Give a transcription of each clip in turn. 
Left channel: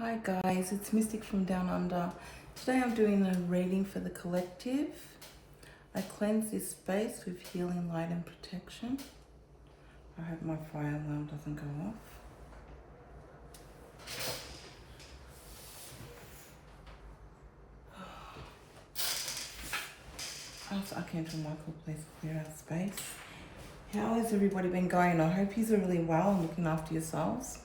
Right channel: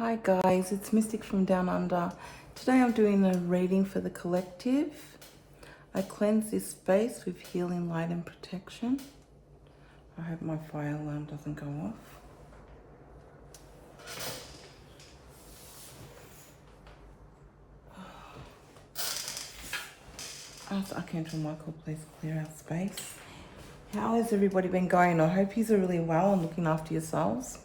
Hi guys, it's Mystic from Down Under. Today I'm doing a reading for the collective. I cleanse this space with healing light and protection. I hope my fire alarm doesn't go off. Archangel Michael, please clear out space. How has everybody been going? I hope you're really well and looking after yourselves.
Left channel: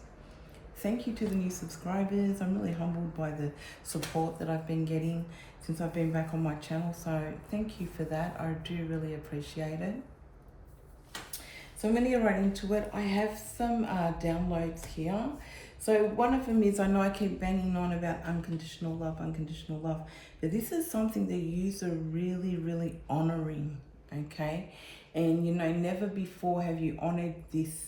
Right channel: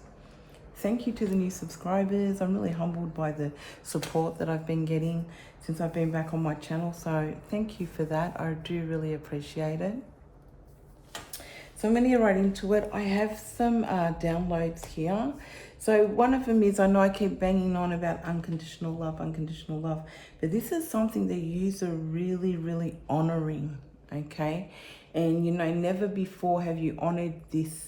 Thank you to the new subscribers. I'm really humbled by the support that I've been getting since I've been back on my channel. So thank you for that. I do really appreciate it. So I'm going to get right into it. I have some downloads here. So one of them is, I know I keep banging on about unconditional love, but this is something that you are really, really honoring, okay? And you know, never before have you honored this,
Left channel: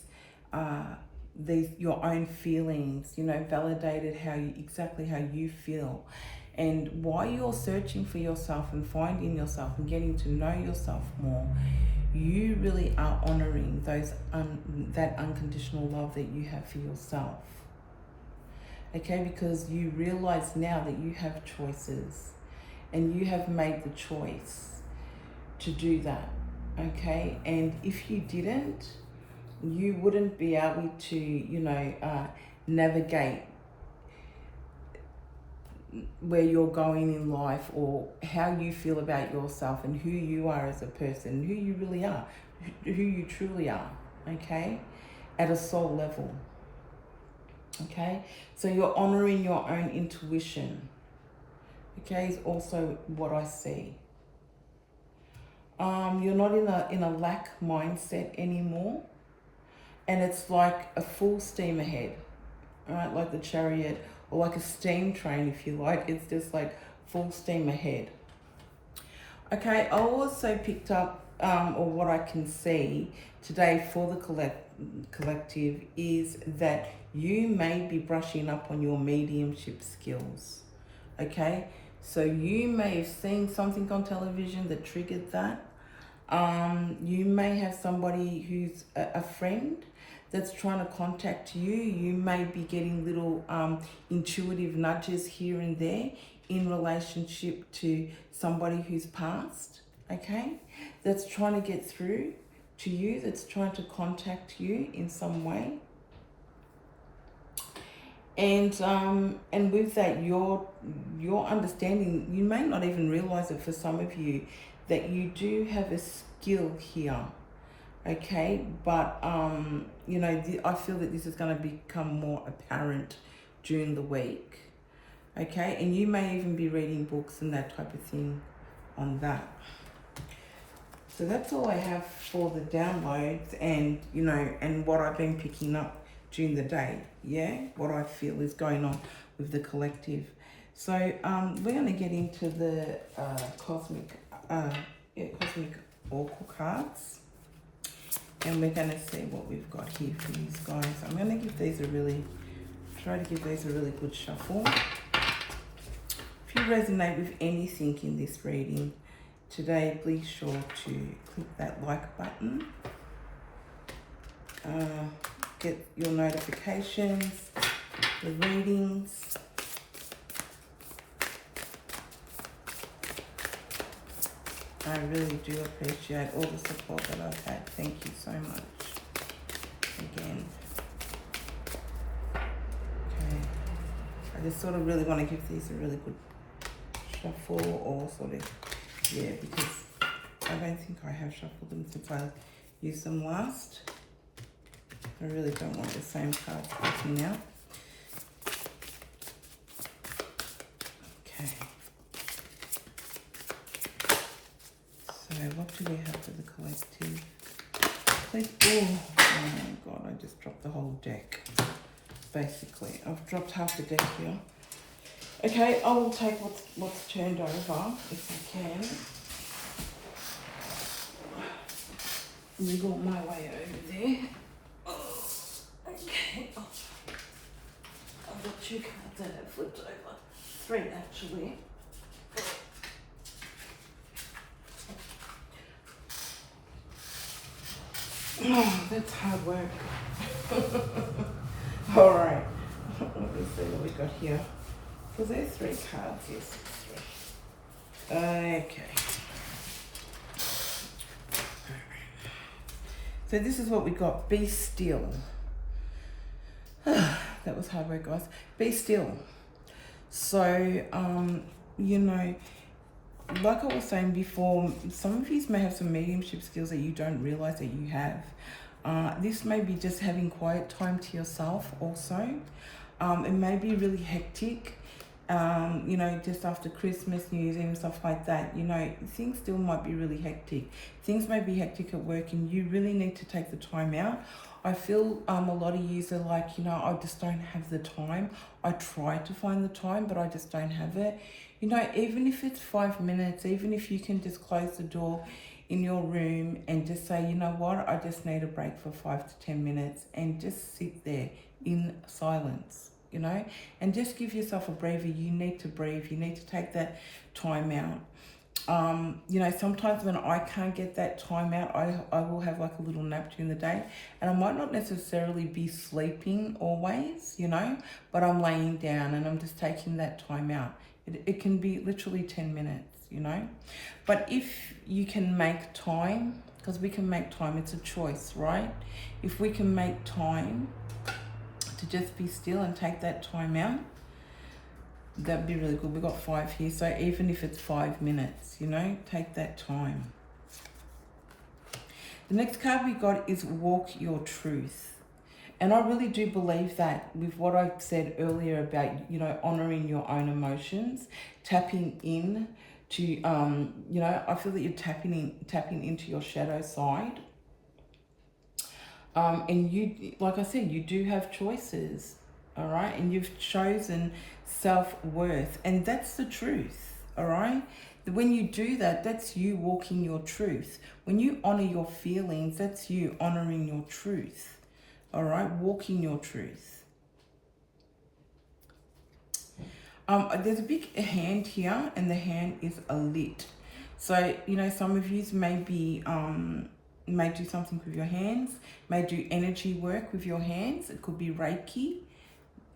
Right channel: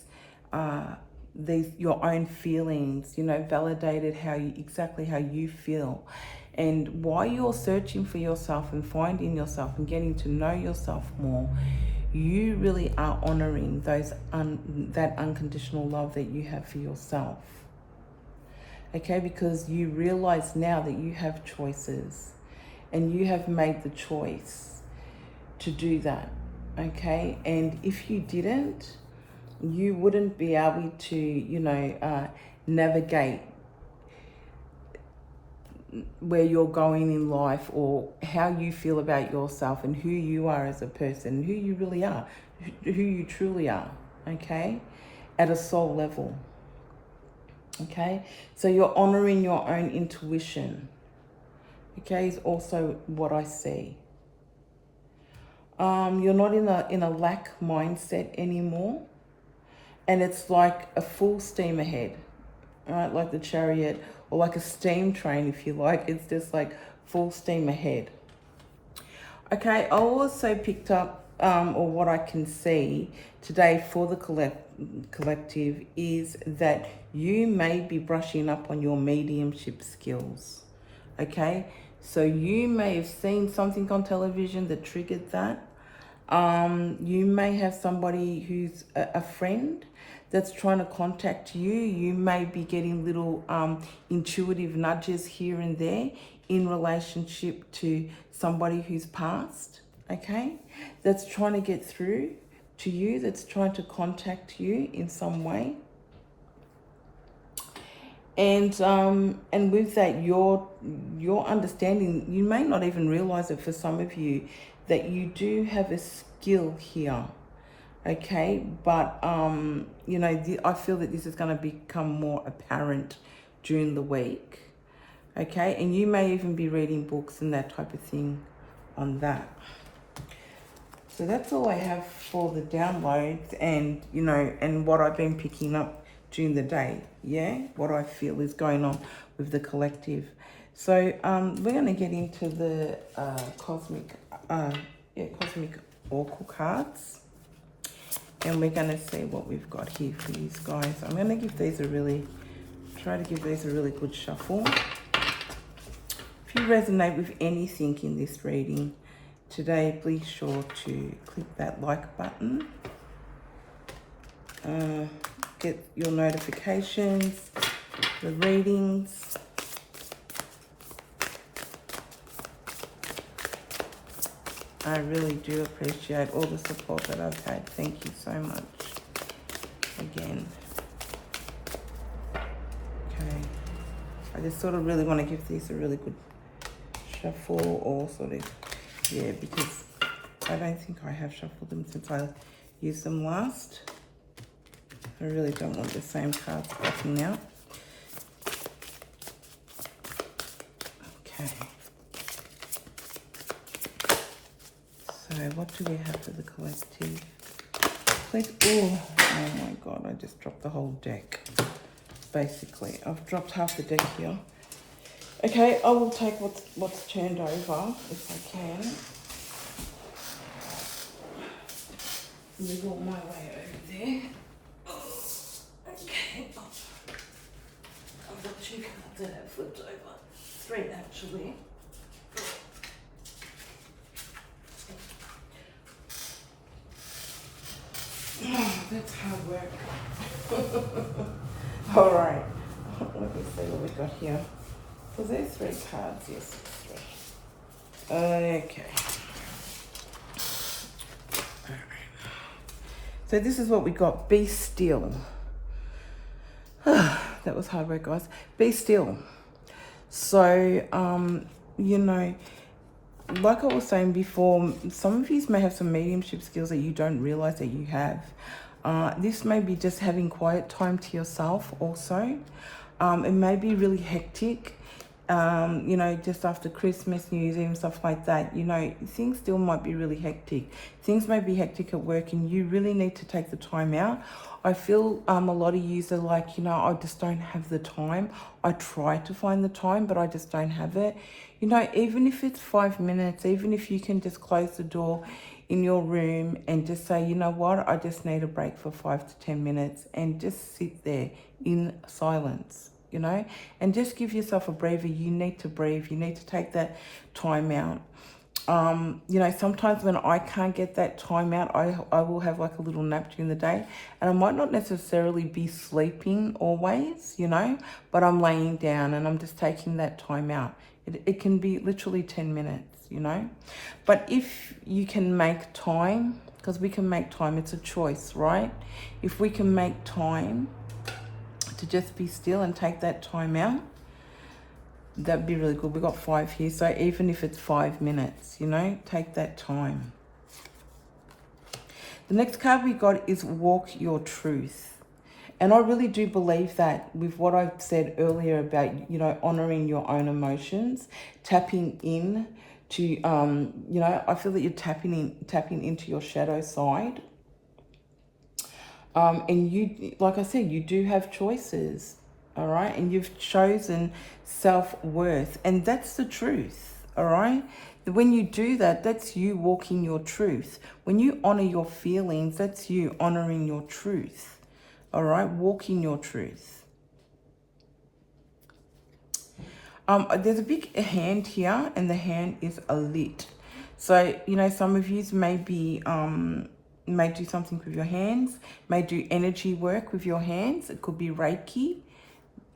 your own feelings, you know, validated exactly how you feel. And while you're searching for yourself and finding yourself and getting to know yourself more, you really are honoring that unconditional love that you have for yourself. Okay, because you realize now that you have choices and you have made the choice to do that. Okay, and if you didn't, you wouldn't be able to, you know, navigate where you're going in life, or how you feel about yourself and who you are as a person, who you really are, who you truly are, okay, at a soul level. Okay, so you're honoring your own intuition, okay, is also what I see. You're not in a lack mindset anymore. And it's like a full steam ahead, right? Like the chariot, or like a steam train, if you like. It's just like full steam ahead. Okay, I also picked up, or what I can see today for the collective is that you may be brushing up on your mediumship skills. Okay, so you may have seen something on television that triggered that. You may have somebody who's a friend that's trying to contact you. You may be getting little intuitive nudges here and there in relationship to somebody who's passed, okay? That's trying to get through to you, that's trying to contact you in some way. And with that, your understanding, you may not even realize it for some of you, that you do have a skill here, okay? But, you know, I feel that this is going to become more apparent during the week, okay? And you may even be reading books and that type of thing on that. So that's all I have for the downloads and, you know, and what I've been picking up during the day, yeah? What I feel is going on with the collective. So we're going to get into the cosmic oracle cards, and we're going to see what we've got here for these guys. I'm going to give these try to give these a really good shuffle. If you resonate with anything in this reading today, please sure to click that like button. Get your notifications, the readings. I really do appreciate all the support that I've had. Thank you so much again. Okay, I just sort of really want to give these a really good shuffle, or sort of, yeah, because I don't think I have shuffled them since I used them last. I really don't want the same cards popping out. Okay. So what do we have for the collective? Oh my God, I just dropped the whole deck. Basically, I've dropped half the deck here. Okay, I will take what's turned over if I can. Wiggle my way over there. Okay, I've got 2 cards that have flipped over. 3 actually. Oh, that's hard work. All right. Let me see what we got here. Was there 3 cards? Yes, 3. Okay. So this is what we got. Be still. That was hard work, guys. Be still. So, you know, like I was saying before, some of you may have some mediumship skills that you don't realize that you have. This may be just having quiet time to yourself also. It may be really hectic, you know, just after Christmas, New Year's Eve, stuff like that. You know, things still might be really hectic. Things may be hectic at work and you really need to take the time out. I feel a lot of you are like, you know, I just don't have the time. I try to find the time, but I just don't have it. You know, even if it's 5 minutes, even if you can just close the door in your room and just say, you know what, I just need a break for 5 to 10 minutes and just sit there in silence, you know, and just give yourself a breather. You need to breathe. You need to take that time out. You know, sometimes when I can't get that time out, I will have like a little nap during the day, and I might not necessarily be sleeping always, you know, but I'm laying down and I'm just taking that time out. It can be literally 10 minutes, you know, but if you can make time, because we can make time, it's a choice, right? If we can make time to just be still and take that time out, that'd be really good. We got 5 here, so even if it's 5 minutes, you know, take that time. The next card we got is walk your truth. And I really do believe that with what I said earlier about, you know, honoring your own emotions, tapping in to, you know, I feel that you're tapping into your shadow side. And you, like I said, you do have choices, all right? And you've chosen self-worth, and that's the truth, all right? When you do that, that's you walking your truth. When you honor your feelings, that's you honoring your truth. All right, walking your truth. There's a big hand here, and the hand is a lit. So, you know, some of you may be, may do something with your hands, may do energy work with your hands. It could be Reiki.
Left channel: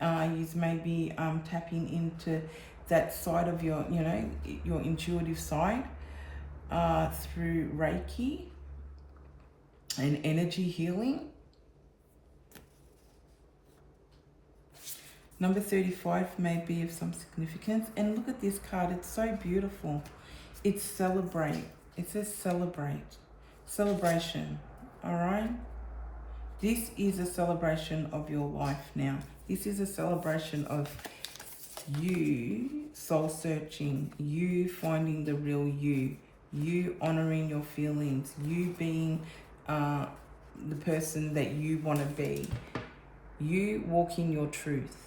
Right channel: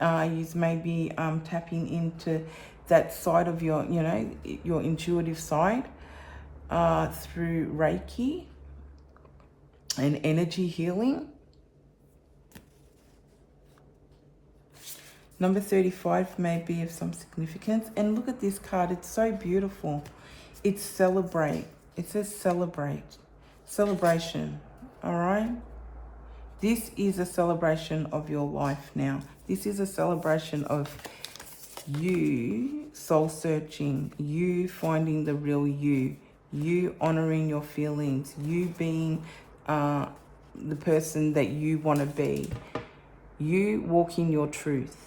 You may be tapping into that side of your, you know, your intuitive side through Reiki and energy healing. Number 35 may be of some significance. And look at this card. It's so beautiful. It's celebrate. It says celebrate. Celebration. All right? This is a celebration of your life now. This is a celebration of you soul searching, you finding the real you, you honoring your feelings, you being the person that you want to be, you walking your truth.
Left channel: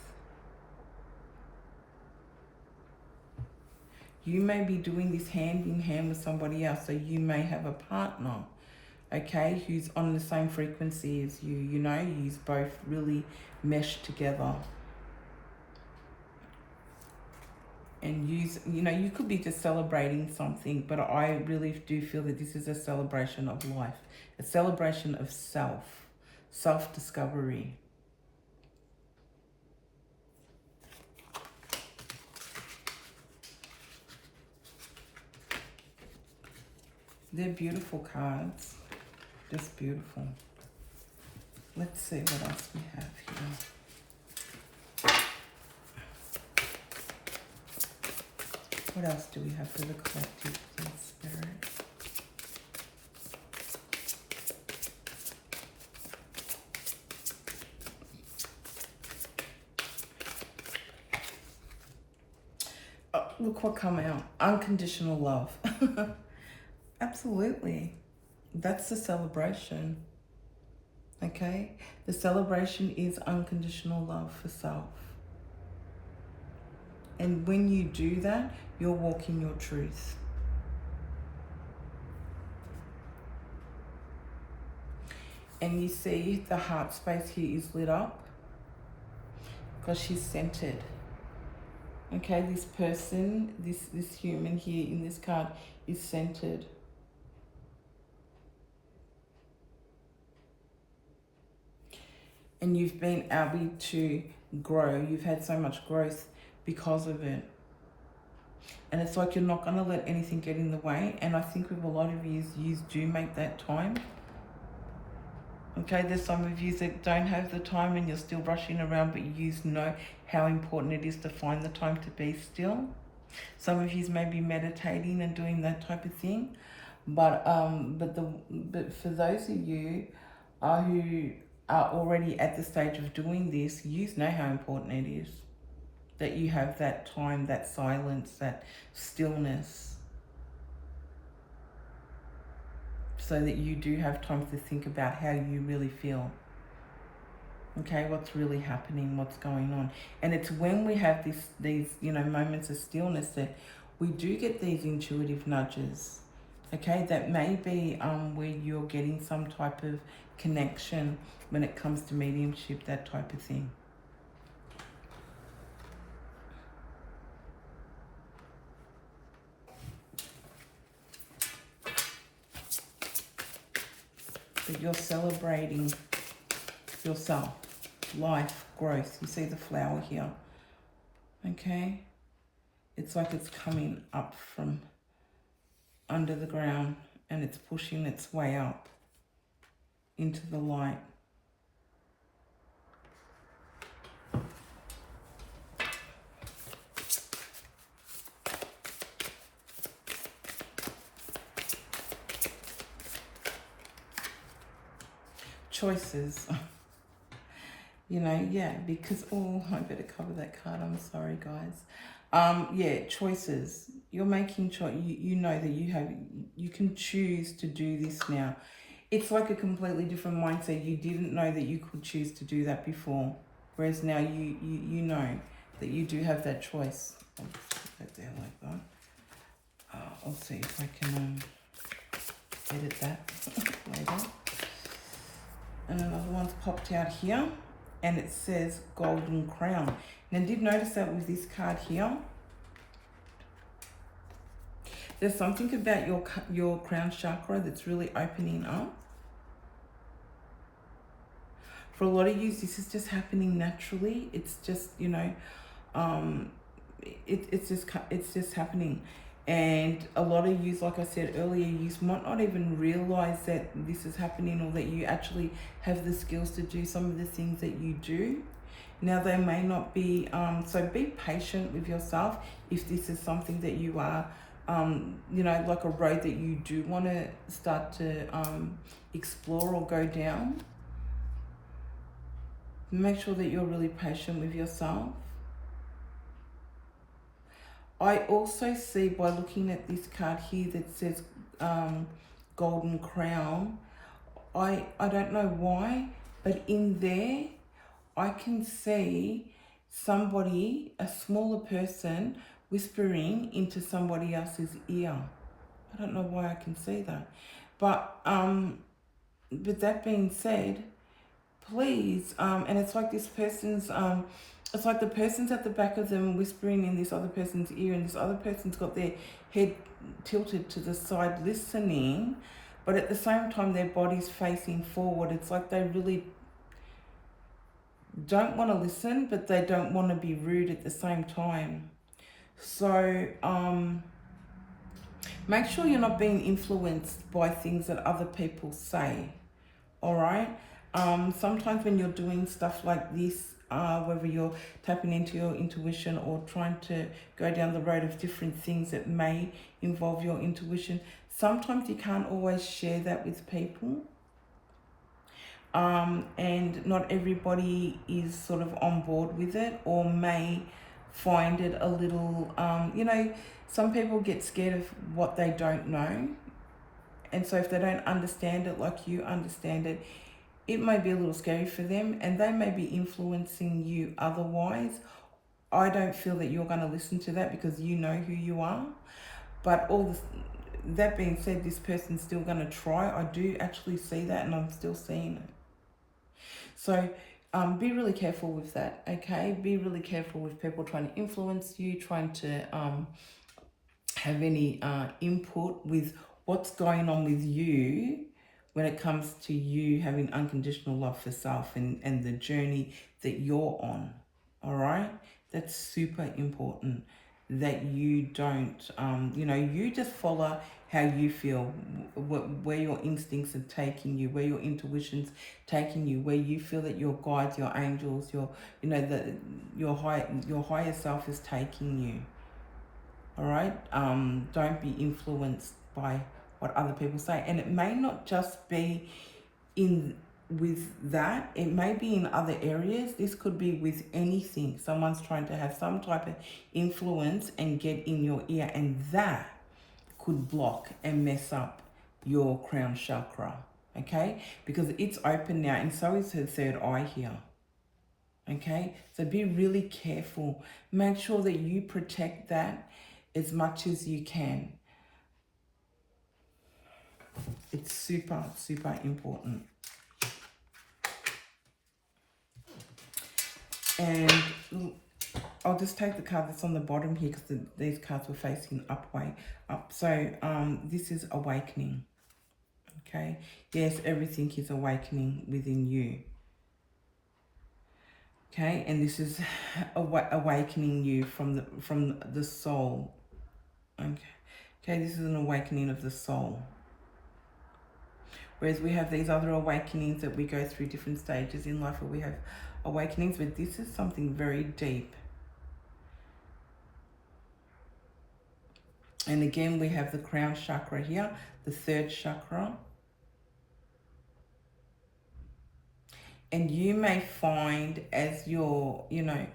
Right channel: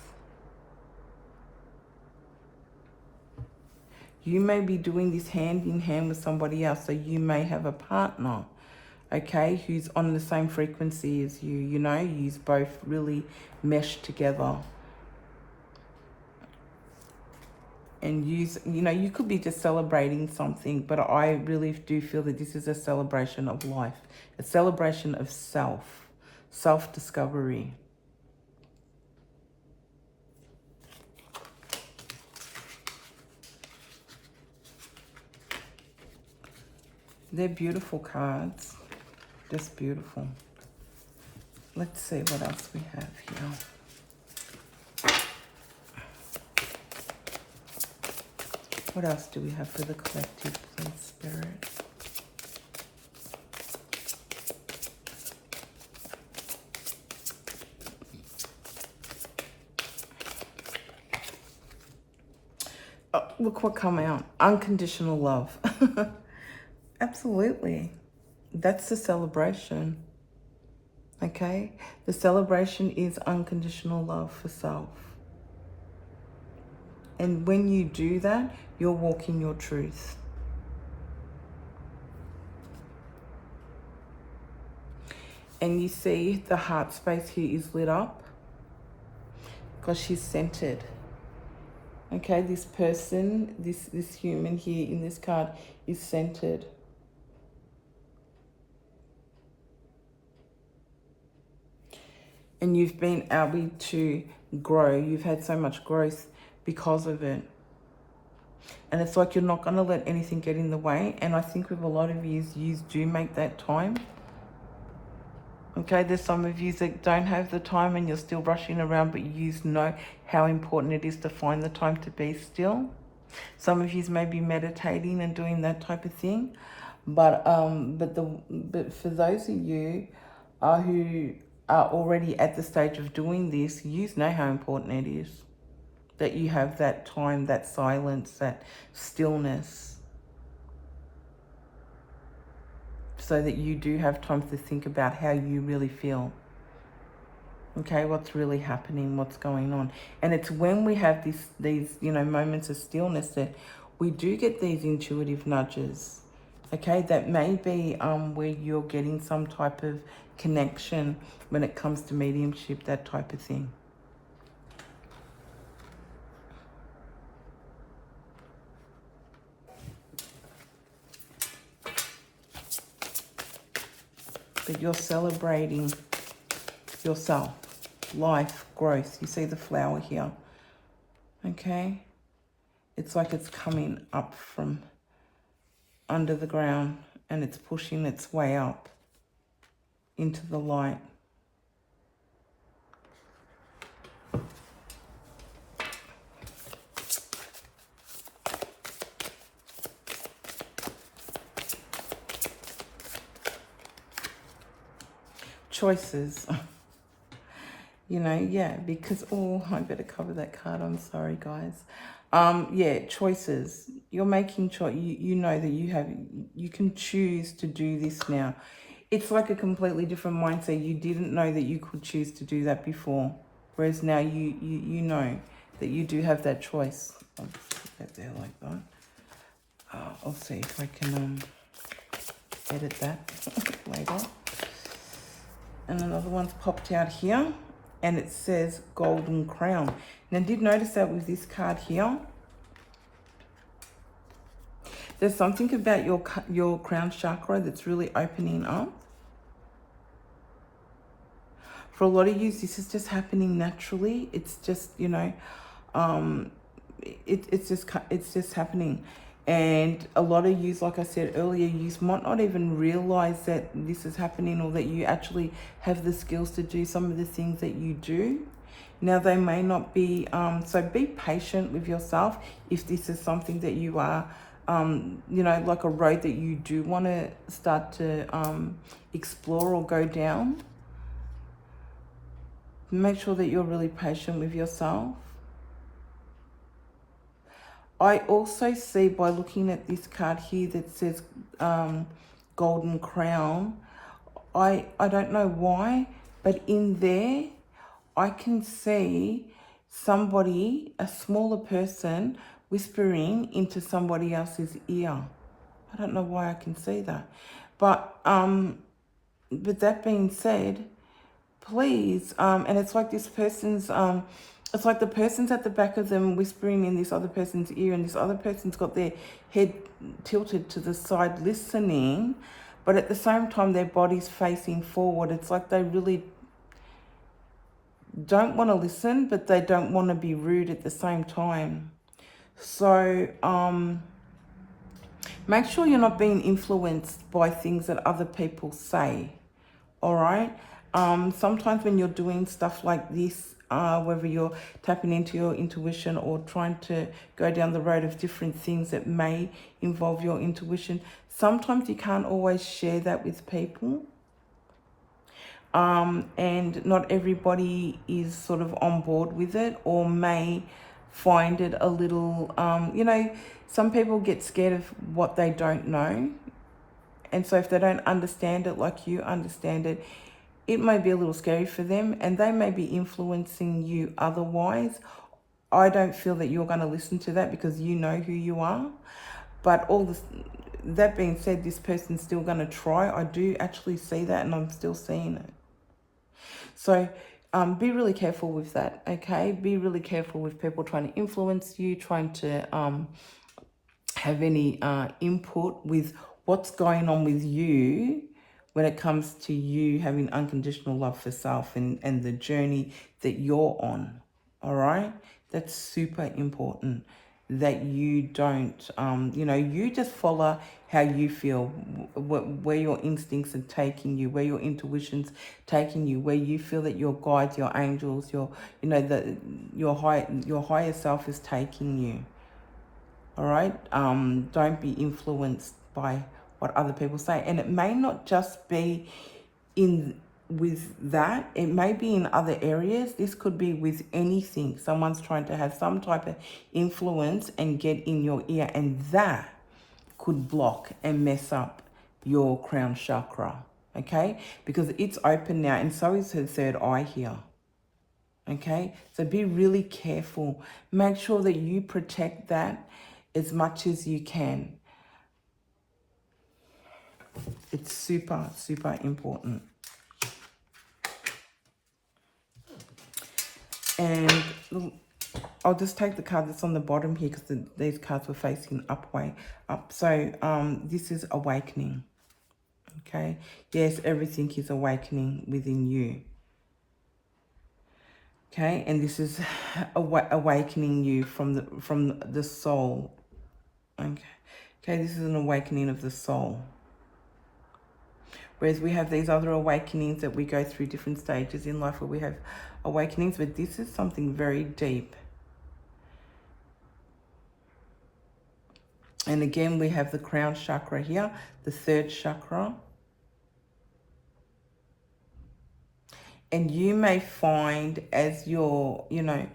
You may be doing this hand in hand with somebody else. So you may have a partner, okay, who's on the same frequency as you. You know, you both really mesh together. And you know, you could be just celebrating something, but I really do feel that this is a celebration of life, a celebration of self-discovery. They're beautiful cards, just beautiful. Let's see what else we have here. What else do we have for the collective, please, Spirit? Oh, look what come out. Unconditional love. Absolutely. That's the celebration. Okay? The celebration is unconditional love for self. And when you do that, you're walking your truth. And you see the heart space here is lit up because she's centered. Okay, this person, this human here in this card is centered. And you've been able to grow. You've had so much growth because of it. And it's like you're not going to let anything get in the way. And I think with a lot of you do make that time. Okay, there's some of you that don't have the time and you're still rushing around, but you know how important it is to find the time to be still. Some of you may be meditating and doing that type of thing. But for those of you who are already at the stage of doing this, you know how important it is that you have that time, that silence, that stillness, so that you do have time to think about how you really feel. Okay, what's really happening, what's going on. And it's when we have these moments of stillness that we do get these intuitive nudges. Okay, that may be where you're getting some type of connection when it comes to mediumship, that type of thing. But you're celebrating yourself, life, growth. You see the flower here, okay? It's like it's coming up from under the ground and it's pushing its way up into the light. Choices. Yeah, because, I better cover that card. I'm sorry, guys. Yeah, choices. You're making choice. You know that you can choose to do this now. It's like a completely different mindset. You didn't know that you could choose to do that before. Whereas now you know that you do have that choice. I'll just put that there like that. I'll see if I can edit that later. And another one's popped out here. And it says golden crown. And I did notice that with this card here. There's something about your crown chakra that's really opening up. For a lot of you, this is just happening naturally. It's just, it's just happening. And a lot of you, like I said earlier, you might not even realize that this is happening or that you actually have the skills to do some of the things that you do. Now, they may not be, so be patient with yourself if this is something that you are, like a road that you do want to start to explore or go down. Make sure that you're really patient with yourself. I also see, by looking at this card here that says golden crown, I don't know why, but in there I can see somebody, a smaller person, whispering into somebody else's ear. I don't know why I can see that. But that being said, please, and it's like this person's, it's like the person's at the back of them whispering in this other person's ear, and this other person's got their head tilted to the side listening, but at the same time their body's facing forward. It's like they really don't want to listen, but they don't want to be rude at the same time. So make sure you're not being influenced by things that other people say, all right? Sometimes when you're doing stuff like this, whether you're tapping into your intuition or trying to go down the road of different things that may involve your intuition, sometimes you can't always share that with people. And not everybody is sort of on board with it, or may find it a little, some people get scared of what they don't know. And so if they don't understand it like you understand it, it may be a little scary for them, and they may be influencing you otherwise. I don't feel that you're going to listen to that because you know who you are. But that being said, this person's still going to try. I do actually see that, and I'm still seeing it. So be really careful with that, okay? Be really careful with people trying to influence you, trying to have any input with what's going on with you when it comes to you having unconditional love for self and the journey that you're on, All right, that's super important, that you don't, you know, you just follow how you feel, where your instincts are taking you, where your intuition's taking you, where you feel that your guides, your angels, your, you know, your higher self is taking you. All right, don't be influenced by what other people say, and it may not just be in with that, it may be in other areas. This could be with anything. Someone's trying to have some type of influence and get in your ear, and that could block and mess up your crown chakra, okay? Because it's open now, and so is her third eye here, okay? So be really careful. Make sure that you protect that as much as you can. It's super, super important. And I'll just take the card that's on the bottom here, because these cards were facing up. So this is awakening. Okay. Yes, everything is awakening within you. Okay, and this is awakening you from the soul. Okay. Okay, this is an awakening of the soul. Whereas we have these other awakenings that we go through different stages in life where we have awakenings, but this is something very deep. And again, we have the crown chakra here, the third chakra. And you may find as you're, you know,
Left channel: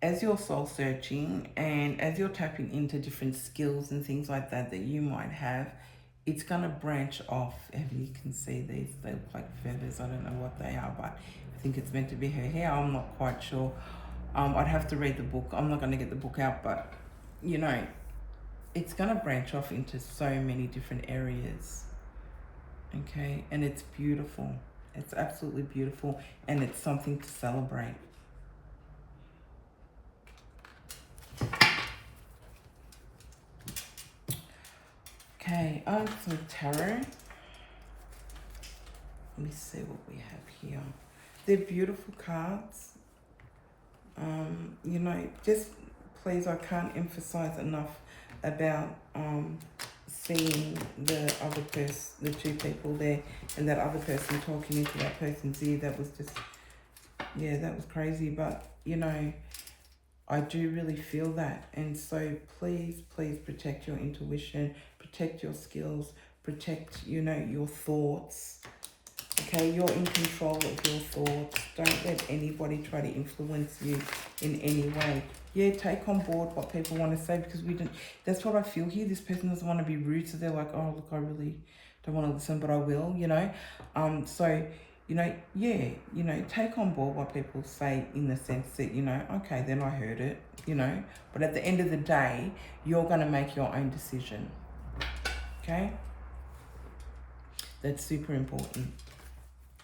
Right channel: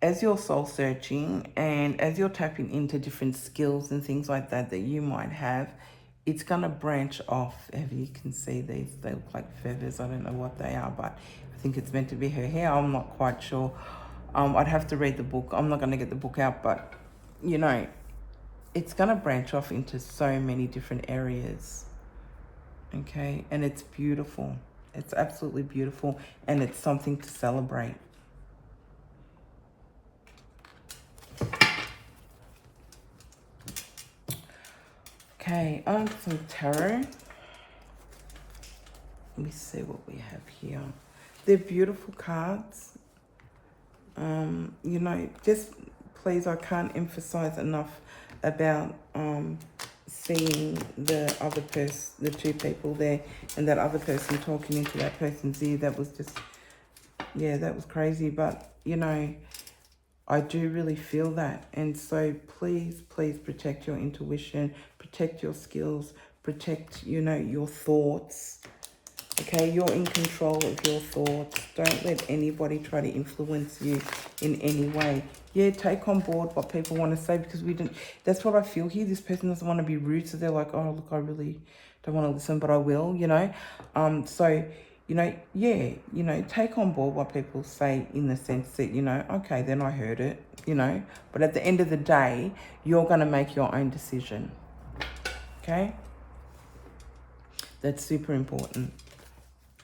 as you're soul searching and as you're tapping into different skills and things like that that you might have, it's going to branch off. As you can see, these, they look like feathers. I don't know what they are, but I think it's meant to be her hair. I'm not quite sure. I'd have to read the book. I'm not going to get the book out, but, you know, it's going to branch off into so many different areas. Okay, and it's beautiful. It's absolutely beautiful, and it's something to celebrate. Okay, so tarot. Let me see what we have here. They're beautiful cards. You know, just please, I can't emphasize enough about seeing the other person, the two people there, and that other person talking into that person's ear. That was just, yeah, that was crazy. But, you know, I do really feel that. And so please, please protect your intuition, protect your skills, protect, you know, your thoughts. Okay, you're in control of your thoughts. Don't let anybody try to influence you in any way. Yeah, take on board what people want to say, because we didn't. That's what I feel here. This person doesn't want to be rude, so they're like, oh, look, I really don't want to listen, but I will, you know. So, you know, yeah, you know, take on board what people say in the sense that, you know, okay, then I heard it, you know. But at the end of the day, you're going to make your own decision. Okay? That's super important.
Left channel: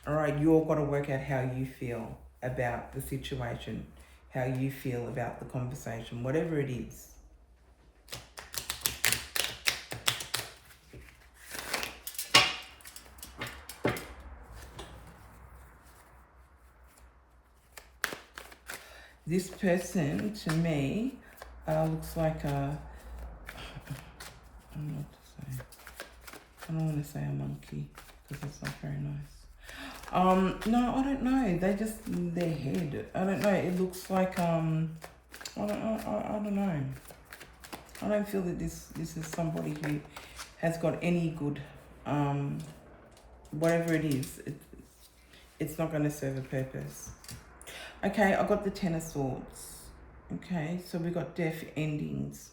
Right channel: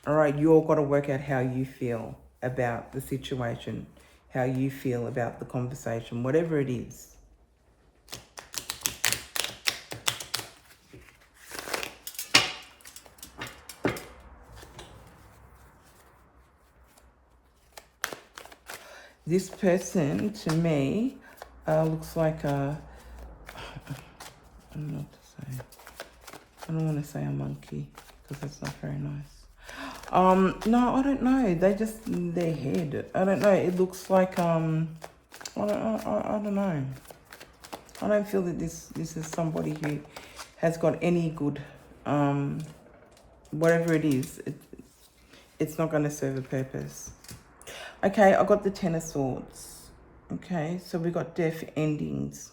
All right, you've got to work out how you feel about the situation, how you feel about the conversation, whatever it is. This person, to me, looks like a, I don't know what to say. I don't want to say a monkey, because that's not very nice. No, I don't know. They just, their head. I don't know. It looks like, I don't know. I don't feel that this is somebody who has got any good, whatever it is, it's not going to serve a purpose. Okay, I got the Ten of Swords. Okay, so we got death endings.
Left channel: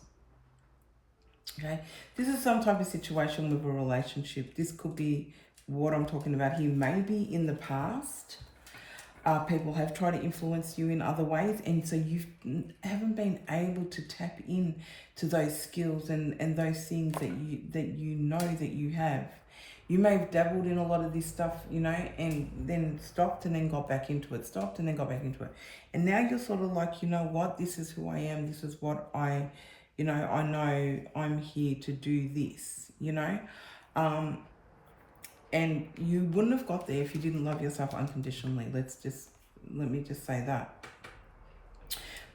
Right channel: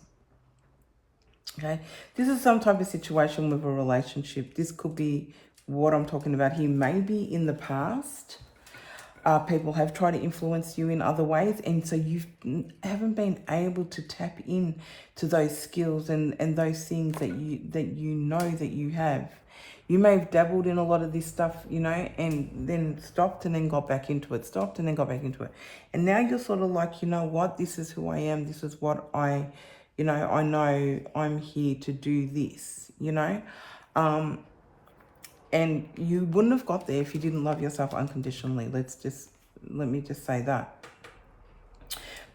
Okay, this is some type of situation with a relationship. This could be what I'm talking about here. Maybe in the past, people have tried to influence you in other ways, and so you haven't been able to tap in to those skills and those things that you know that you have. You may have dabbled in a lot of this stuff, you know, and then stopped and then got back into it, stopped and then got back into it. And now you're sort of like, you know what, this is who I am, this is what I know I'm here to do this, you know. And you wouldn't have got there if you didn't love yourself unconditionally. Let me just say that.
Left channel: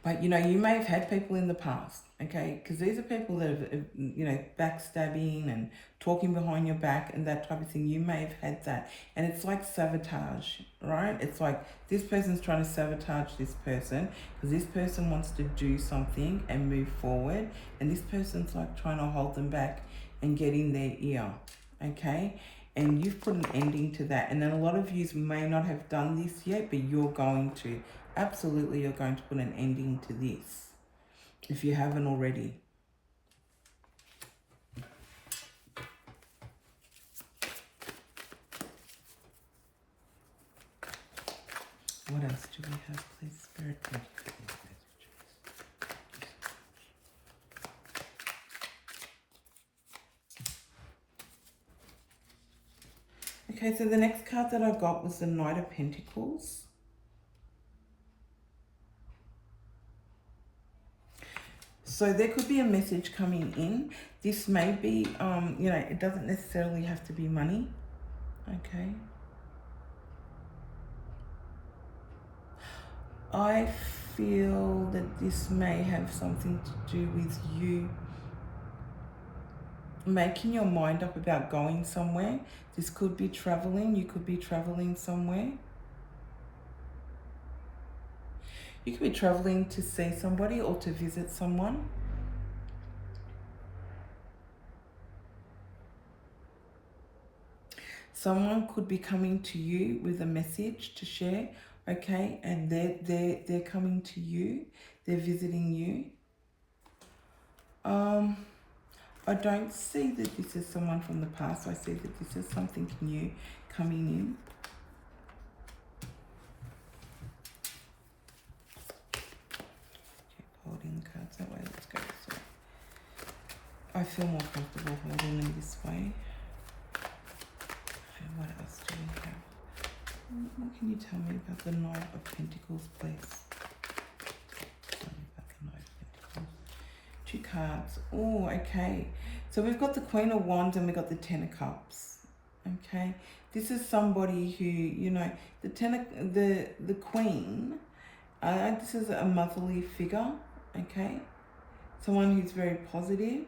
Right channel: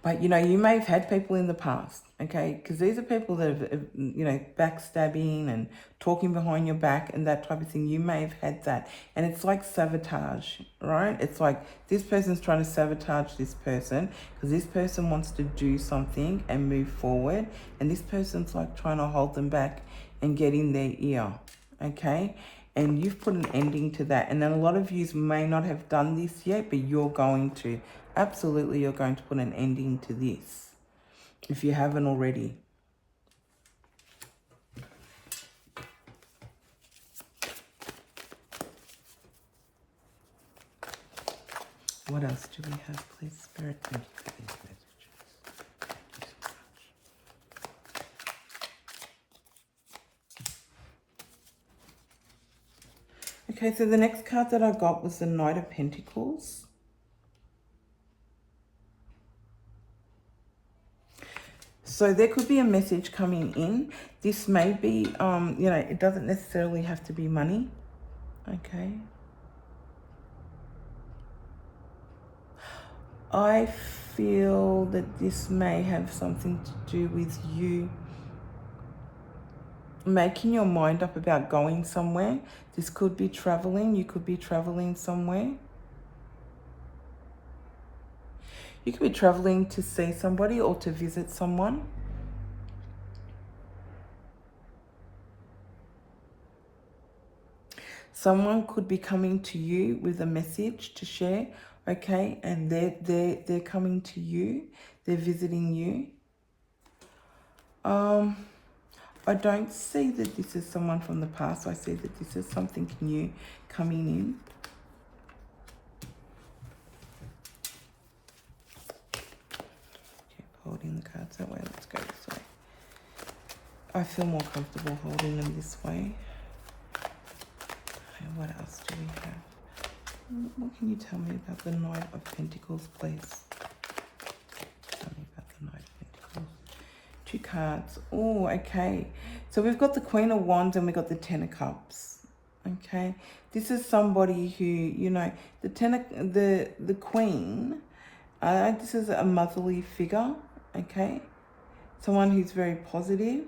But, you know, you may have had people in the past, okay? Because these are people that have, you know, backstabbing and talking behind your back and that type of thing. You may have had that. And it's like sabotage, right? It's like this person's trying to sabotage this person because this person wants to do something and move forward. And this person's like trying to hold them back and get in their ear, okay? And you've put an ending to that. And then a lot of you may not have done this yet, but you're going to. Absolutely, you're going to put an ending to this if you haven't already. What else do we have, please? Spirit, thank you for this message. Okay, so the next card that I got was the Knight of Pentacles. So there could be a message coming in. This may be, you know, it doesn't necessarily have to be money. Okay. I feel that this may have something to do with you making your mind up about going somewhere. This could be traveling. You could be traveling somewhere. You could be traveling to see somebody or to visit someone. Someone could be coming to you with a message to share, okay? And they're coming to you. They're visiting you. I don't see that this is someone from the past. I see that this is something new coming in. Holding the cards that way. Let's go this way. I feel more comfortable holding them this way. Okay, what else do we have? What can you tell me about the Knight of Pentacles, please? Tell me about the Knight of Pentacles. 2 cards. Oh, okay. So we've got the Queen of Wands and we've got the Ten of Cups. Okay. This is somebody who, you know, the Queen. This is a motherly figure. Okay, someone who's very positive.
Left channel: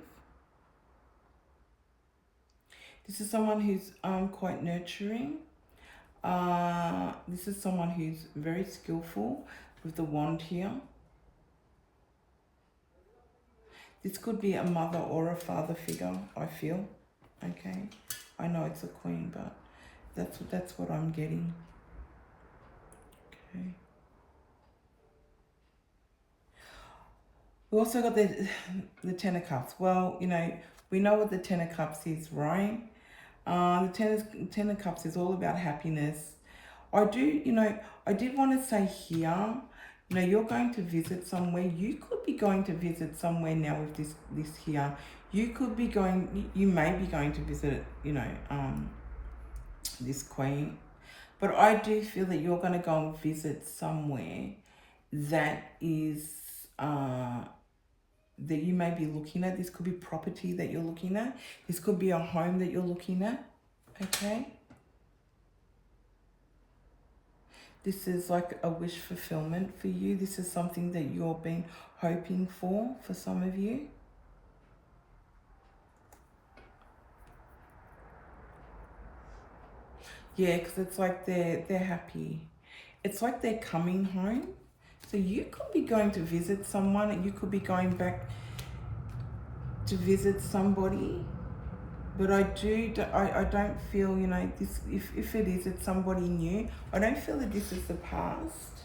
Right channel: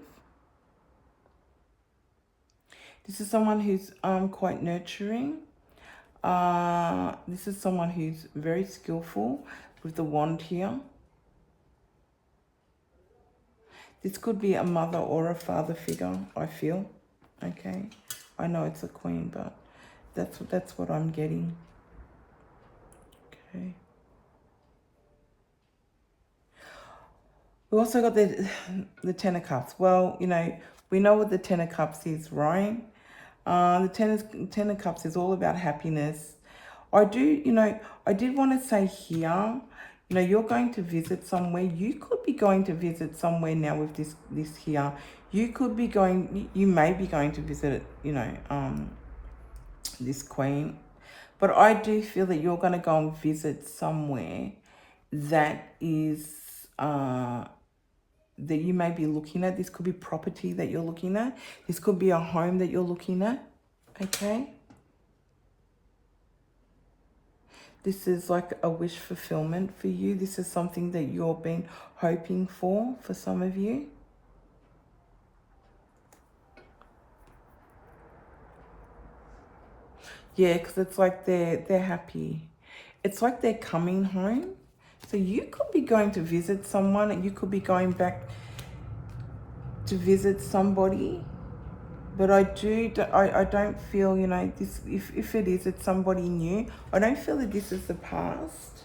This is someone who's quite nurturing. This is someone who's very skillful with the wand here. This could be a mother or a father figure, I feel. Okay, I know it's a queen, but that's what I'm getting. Okay. We also got the Ten of Cups. Well, you know, we know what the Ten of Cups is, right? The Ten of Cups is all about happiness. I did want to say here, you know, you're going to visit somewhere. You could be going to visit somewhere now with this here. You may be going to visit, you know, this Queen. But I do feel that you're going to go and visit somewhere that is... that you may be looking at. This could be property that you're looking at. This could be a home that you're looking at. Okay. This is like a wish fulfillment for you. This is something that you've been hoping for some of you. Yeah, because it's like they're happy. It's like they're coming home. So you could be going to visit someone, and you could be going back to visit somebody. But I don't feel, you know, this. If it is, it's somebody new. I don't feel that this is the past.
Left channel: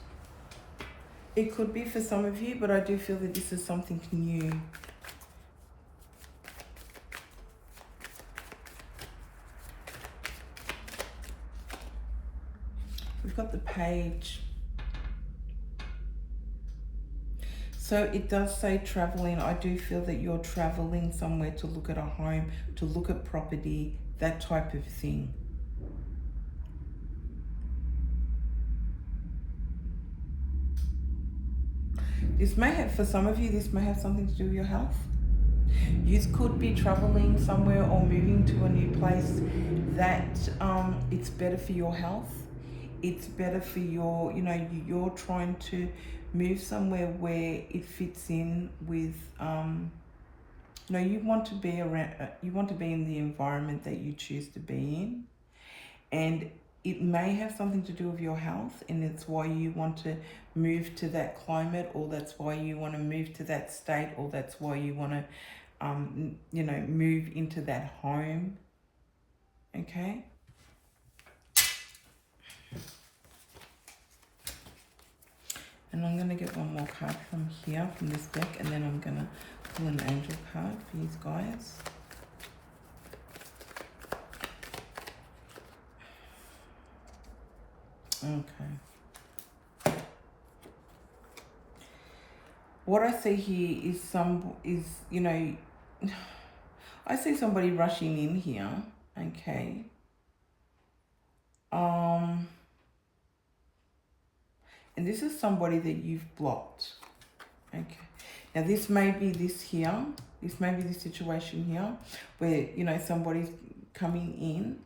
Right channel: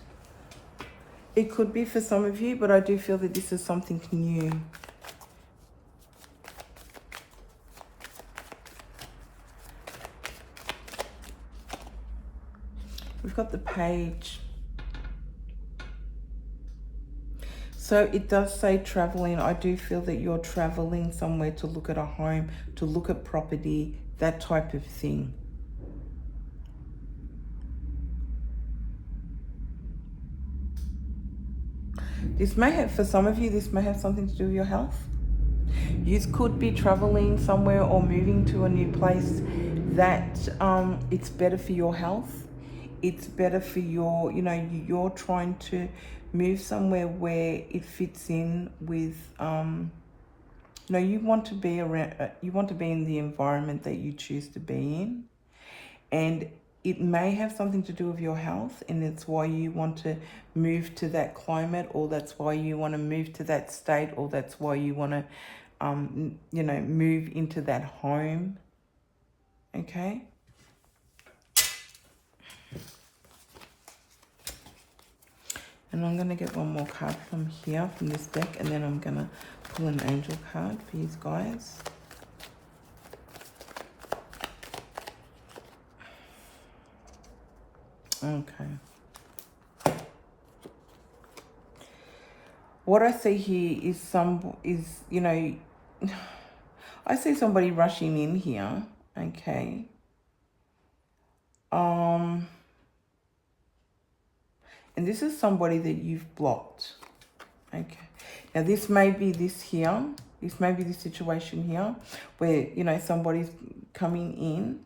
It could be for some of you, but I do feel that this is something new. We've got the Page. So it does say traveling. I do feel that you're traveling somewhere to look at a home, to look at property, that type of thing. This may have, for some of you, this may have something to do with your health. You could be traveling somewhere or moving to a new place that it's better for your health. it's better for your, you know, you're trying to move somewhere where it fits in with, you know, you want to be around, you want to be in the environment that you choose to be in. And it may have something to do with your health, and it's why you want to move to that climate, or that's why you want to move to that state, or that's why you want to, you know, move into that home. Okay. And I'm going to get one more card from here, from this deck, and then I'm going to pull an angel card for you guys. Okay. What I see here is, you know, I see somebody rushing in here. Okay. And this is somebody that you've blocked. Okay. Now this may be this here. This may be the situation here where, you know, somebody's coming in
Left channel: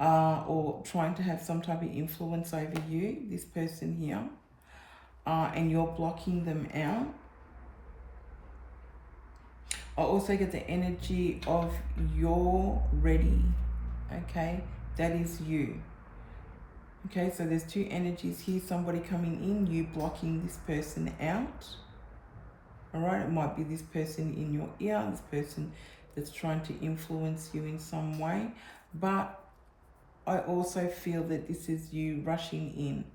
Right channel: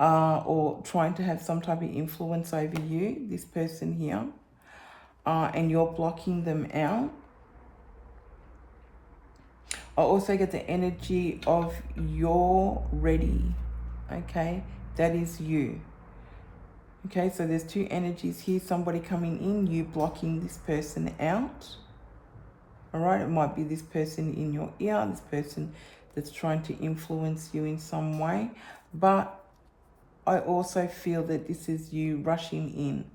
or trying to have some type of influence over you, this person here, and you're blocking them out. I also get the energy of you're ready. Okay. That is you. Okay, so there's two energies here. Somebody coming in, you blocking this person out. All right, it might be this person in your ear, this person that's trying to influence you in some way. But I also feel that this is you rushing in,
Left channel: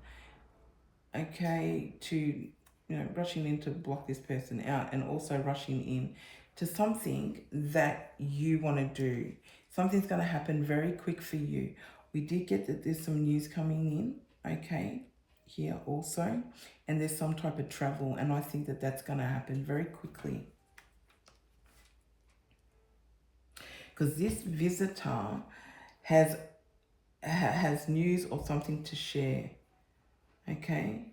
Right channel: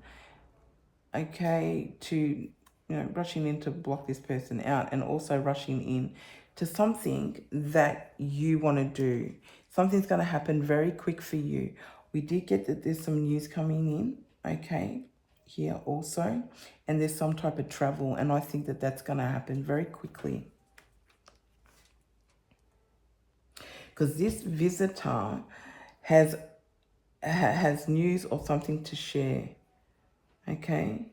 okay, to, you know, rushing in to block this person out, and also rushing in to something that you want to do. Something's going to happen very quick for you. We did get that there's some news coming in, okay, here also. And there's some type of travel, and I think that that's going to happen very quickly. Because this visitor has news or something to share, okay?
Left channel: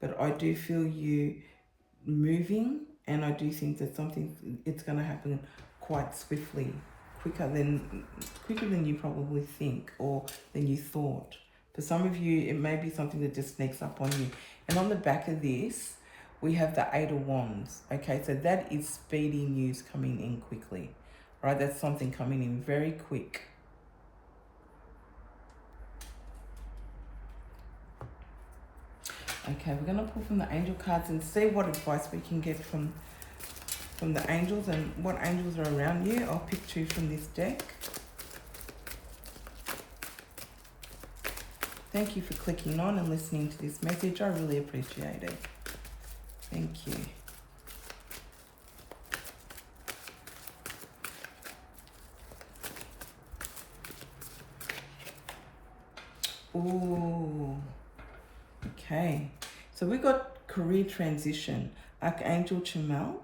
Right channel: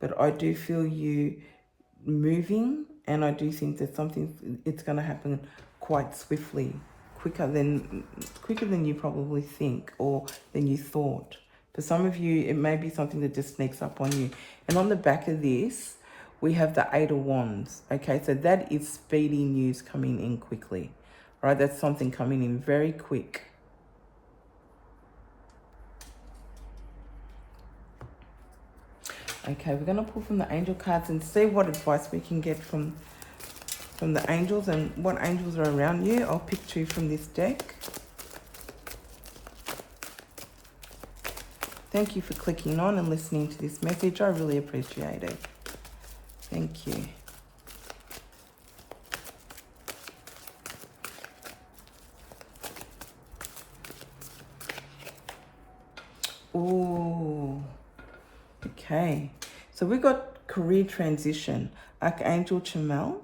But I do feel you moving, and I do think that it's going to happen quite swiftly. Quicker than you probably think, or than you thought. For some of you, it may be something that just sneaks up on you. And on the back of this, we have the 8 of Wands. Okay, so that is speedy news coming in quickly, right? That's something coming in very quick. Okay, we're going to pull from the angel cards and see what advice we can get from the angels, and what angels are around you. I'll pick 2 from this deck. Thank you for clicking on and listening to this message. I really appreciate it. Thank you. Ooh. Okay. So we got career transition. Archangel Chamel.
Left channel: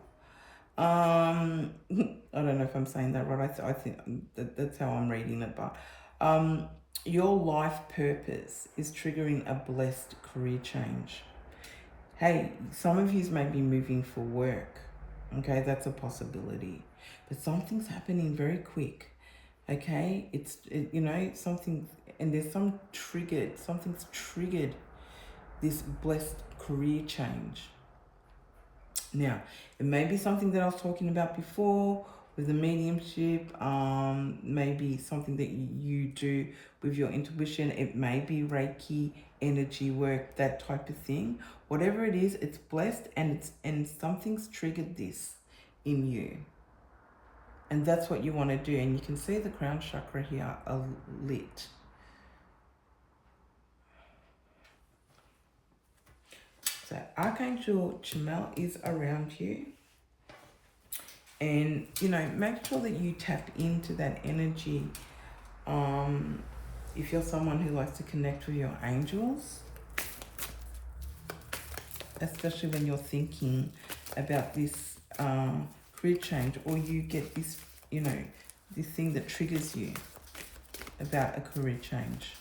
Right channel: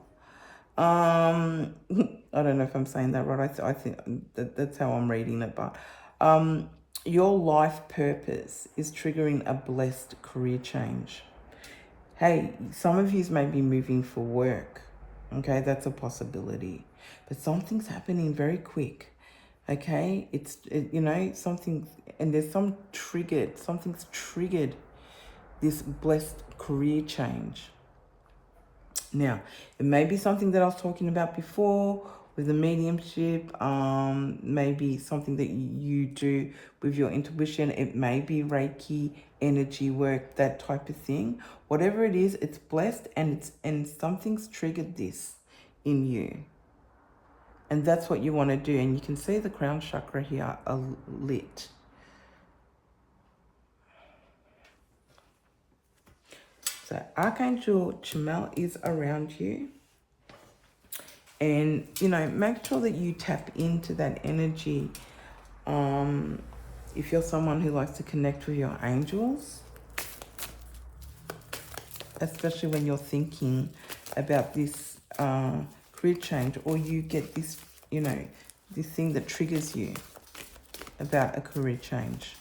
I don't know if I'm saying that right. I think that's how I'm reading it. But your life purpose is triggering a blessed career change. Hey, some of you may be moving for work. Okay, that's a possibility. But something's happening very quick. Okay, you know, something, and there's something's triggered this blessed career change. Now, it may be something that I was talking about before with the mediumship, maybe something that you do with your intuition. It may be Reiki, energy work, that type of thing. Whatever it is, it's blessed, and something's triggered this in you. And that's what you want to do. And you can see the crown chakra here lit. So Archangel Chamel is around you. And, you know, make sure that you tap into that energy. If you're someone who likes to connect with your angels, especially when you're thinking about this career change, or you get this, you know, this thing that triggers you about a career change.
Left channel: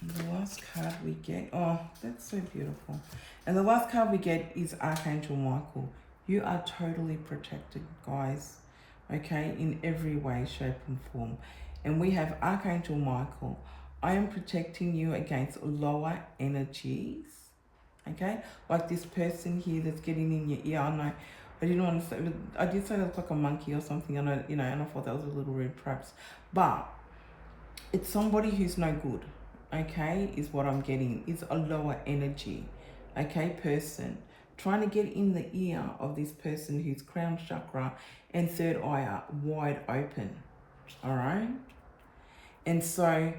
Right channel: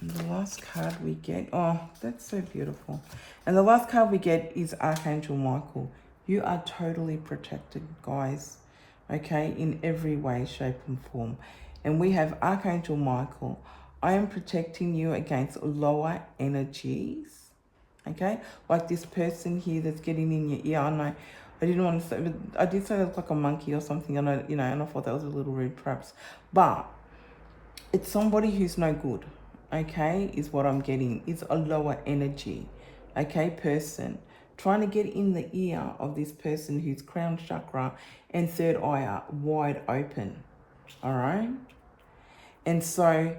And the last card we get, oh, that's so beautiful. And the last card we get is Archangel Michael. You are totally protected, guys, okay, in every way, shape and form. And we have Archangel Michael I am protecting you against lower energies. Okay, like this person here that's getting in your ear. I know I didn't want to say, I did say it was like a monkey or something, and and I thought that was a little rude perhaps, but it's somebody who's no good. Okay, is what I'm getting. Is a lower energy. Okay, person trying to get in the ear of this person whose crown chakra and third eye are wide open. All right, and so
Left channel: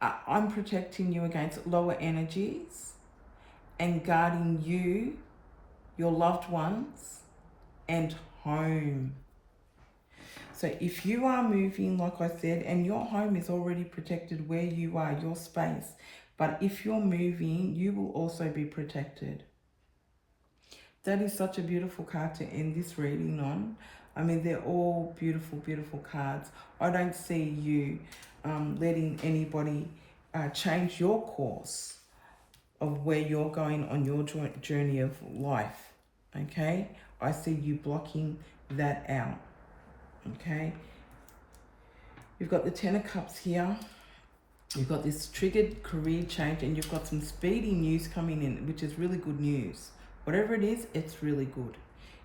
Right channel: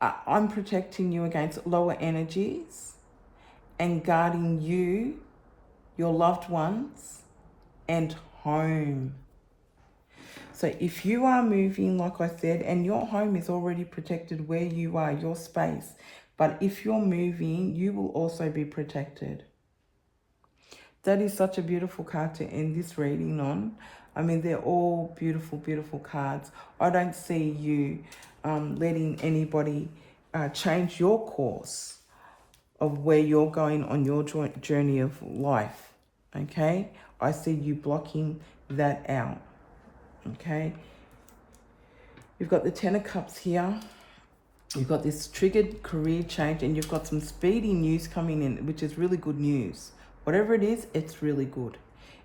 I'm protecting you against lower energies and guarding you, your loved ones, and home. So if you are moving, like I said, and your home is already protected where you are, your space, but if you're moving, you will also be protected. That is such a beautiful card to end this reading on. I mean, they're all beautiful, beautiful cards. I don't see you letting anybody change your course of where you're going on your journey of life. Okay? I see you blocking that out. Okay? You've got the Ten of Cups here. You've got this triggered career change, and you've got some speedy news coming in, which is really good news. Whatever it is, it's really good.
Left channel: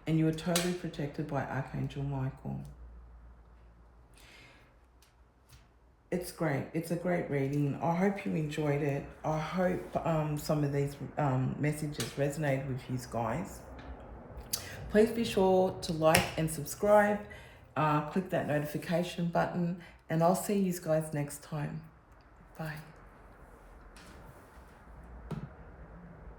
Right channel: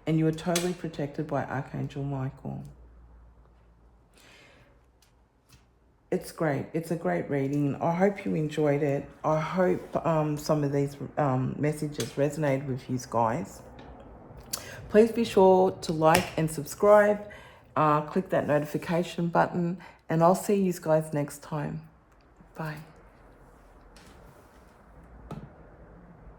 And you are totally protected by Archangel Michael. It's great. It's a great reading. I hope you enjoyed it. I hope some of these messages resonated with you guys. Please be sure to like and subscribe. Click that notification button. And I'll see you guys next time. Bye.